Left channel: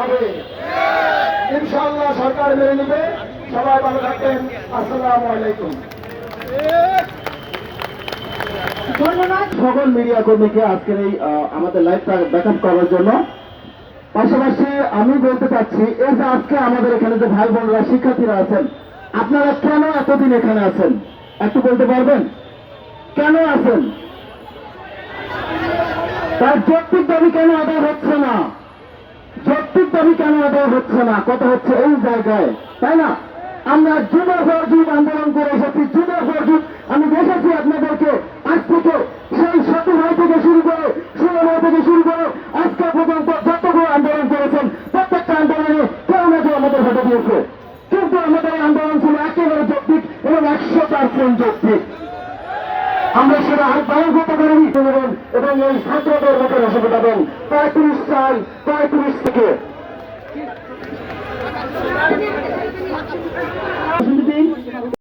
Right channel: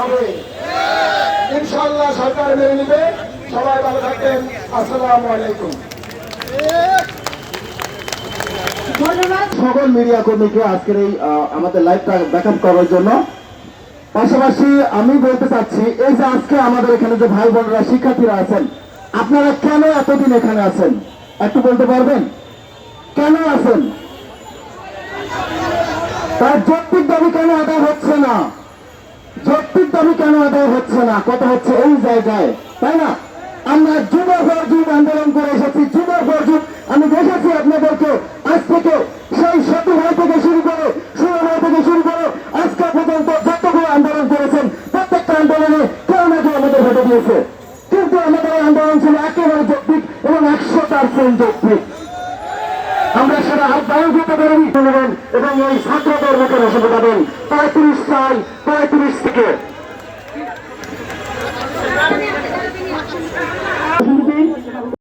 হবে। ইনশাল্লাহ সরকার মেনে নিবে। সবাই ভালো থাকবেন। আসসালামু আলাইকুম। ধন্যবাদ। সকল মিডিয়া কর্মীকে আজকের এই আমাদের লাইভটা ব্যাকআপ করার জন্য। পাশাপাশি আমি বলতে চাচ্ছি এই যে আজকে আমাদের এখানে যে ভাই বোনেরা শিক্ষার্থীরা আছেন আপনারা কেন এতদিন এখানে আছেন? একটু বলতে পারবেন? কেন আছেন? তার যৌক্তিক দাবি কেন আদায় হচ্ছে না? কেন আদায় হচ্ছে না, কথা হচ্ছে এই জায়গায়, তাই না? আমরা পর যুগ আন্দোলন করে এসেছি পর যুগ। আমি দেখেছি আপনাদেরকে, আজ থেকে সেই সতী ভাই থেকে শুরু করে, ষোলো থেকে শুরু করে, আজকে পর্যন্ত যতগুলো আন্দোলন করেছেন, প্রত্যেকটা আন্দোলনে কেউ না কেউ আমাদের ভেটে দিয়েছে। কিন্তু আমাদের আন্দোলন ছিল একেবারে যৌক্তিক এবং একশো পার্সেন্ট যৌক্তিক। আমরা সেটা আহ্বান করতে পারি এবং এই ছাত্রদের মুখে রসে ফোটাবেন পঁয়ত্রিশ সাল, পঁয়ত্রিশ থেকে। Thank you.